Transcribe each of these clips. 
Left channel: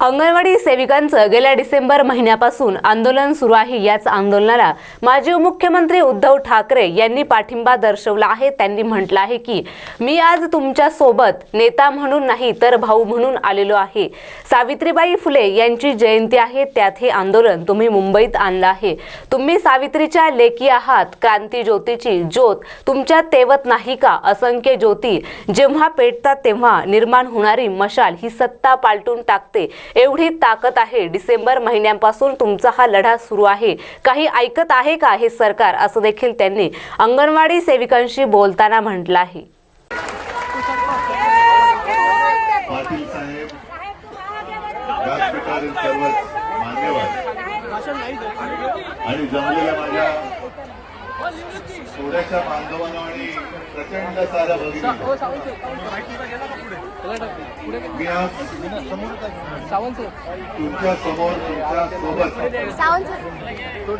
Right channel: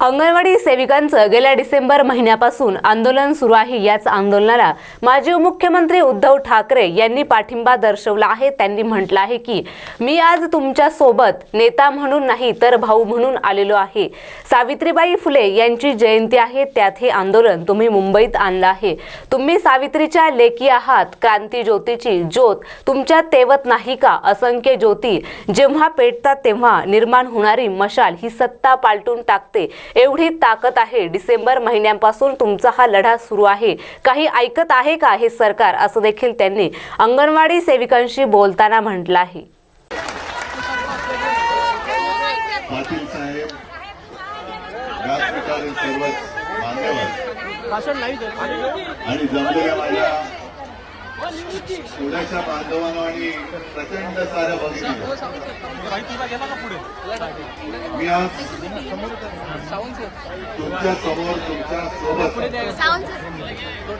अंगणवाडी सेविकांचं गेल्या डिसेंबर महिन्यापासून आंदोलन सुरू आहे याच आंदोलनाला माजी मुख्यमंत्री उद्धव ठाकरे यांनी पाठिंबा दर्शवला आहे. त्यांनी म्हटलं आहे की मी आज तुमच्यासोबत नेता म्हणून नाही तर भाऊ म्हणून आलेलो आहे. सावित्रीबाई फुले यांची जयंती आहे त्यात हे आंदोलन तुम्ही मुंबईत आणलं आहे. तुम्ही सावित्रीच्या लेखी आहात क्रांती ज्योतीची ज्योत तुमच्या तेवत नाही का? असंख्य ज्योती जेव्हा पेटतात तेव्हा निर्माण होणारी मशाल ही सत्ता पालटून टाकते. एवढी ताकद आहे. डिसेंबर महिन्यापासून तुमचा हा लढा सुरू आहे. काही ऐकत आहे का हे सरकार? असं देखील त्यांनी अंगणवाडी सेविकांशी बोलताना म्हटलं आहे. पाटील साहेब व्यासपीठावरील सर्व मान्यवर. आणि जमलेल्या माझ्या पुण्याच्या बांधवांना आणि प्रचंड साऱ्या भगिनी मी आज तुमच्यासमोर तुमच्यासोबत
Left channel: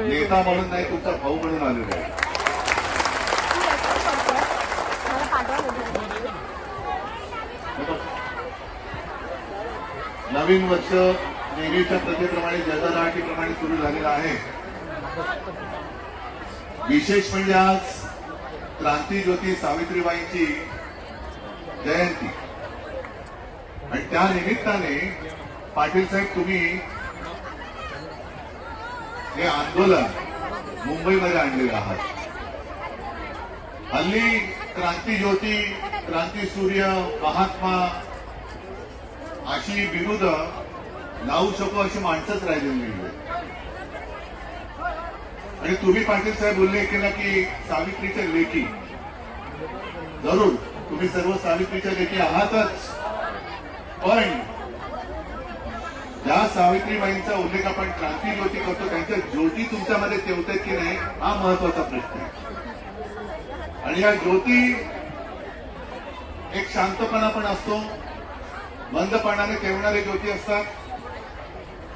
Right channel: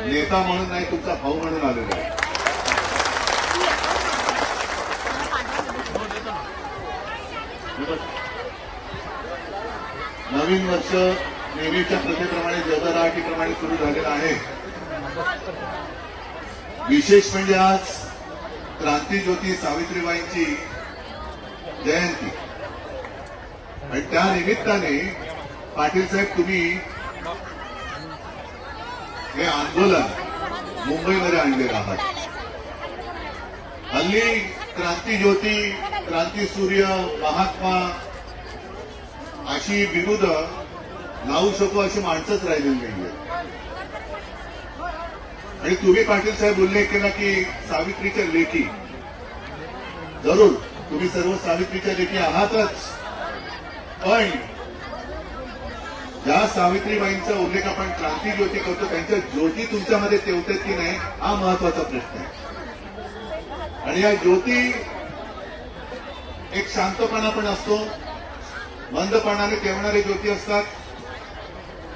नेता म्हणून नाही तुमचा भाऊ म्हणून आलेला आहे. नवीन वर्ष नेहमीच्या प्रथेप्रमाणे जगदाटीप्रमाणे सुरू झालेलं आहे. विशेष म्हणजे आज क्रांतीज्योती सावित्रीबाईंची जयंती. आणि त्या निमित्ताने पाटील साहेब तुम्ही हे आंदोलन मुंबईमध्ये आणलेलं आहात हल्ली क्रांतीज्योती क्रांतीसूर्य महात्मा अशी विरुद्ध नावू शकू अशी माणसंच राहिलेली नाही आणि तुम्ही पाटील साहेब उल्लेख केला की सावित्रीच्या लेखी. जरूर तुम्ही सर्व सावित्रीच्या लेखी आहातच. पण ज्या सावित्रीबाईंचा उल्लेख आपण क्रांती ज्योती करतो त्यांच्या ज्योती तुमच्यामध्ये ठेवतात की नाही हा महत्त्वाचा प्रश्न आहे. आणि या ज्योती एक शांतपणा पण असतो. मंदपणाने ठेवणारे ज्योती असतात.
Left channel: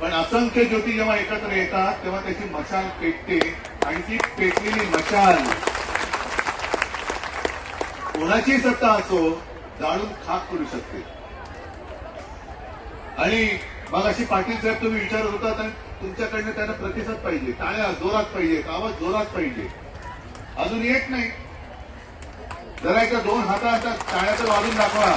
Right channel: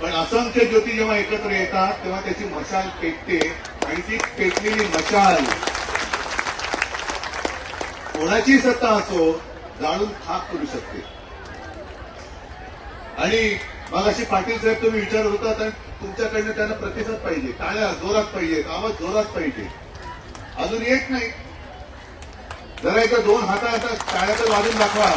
पण असंख्य ज्योती जेव्हा एकत्र येतात तेव्हा त्याची मशाल पेटते आणि ती पेटलेली मशाल कोणाची सत्ता असो जाळून खाक करू शकते. आणि मग अशी पाटील साहेब तुम्ही विचारत होतात आणि तुमच्याकडनं त्यांना प्रतिसाद पाहिजे. टाळ्या जोरात पाहिजे आवाज जोरात पाहिजे. अजून येत नाही. जरा एकदा दोन हाता टाळ्या तर वाजून दाखवा.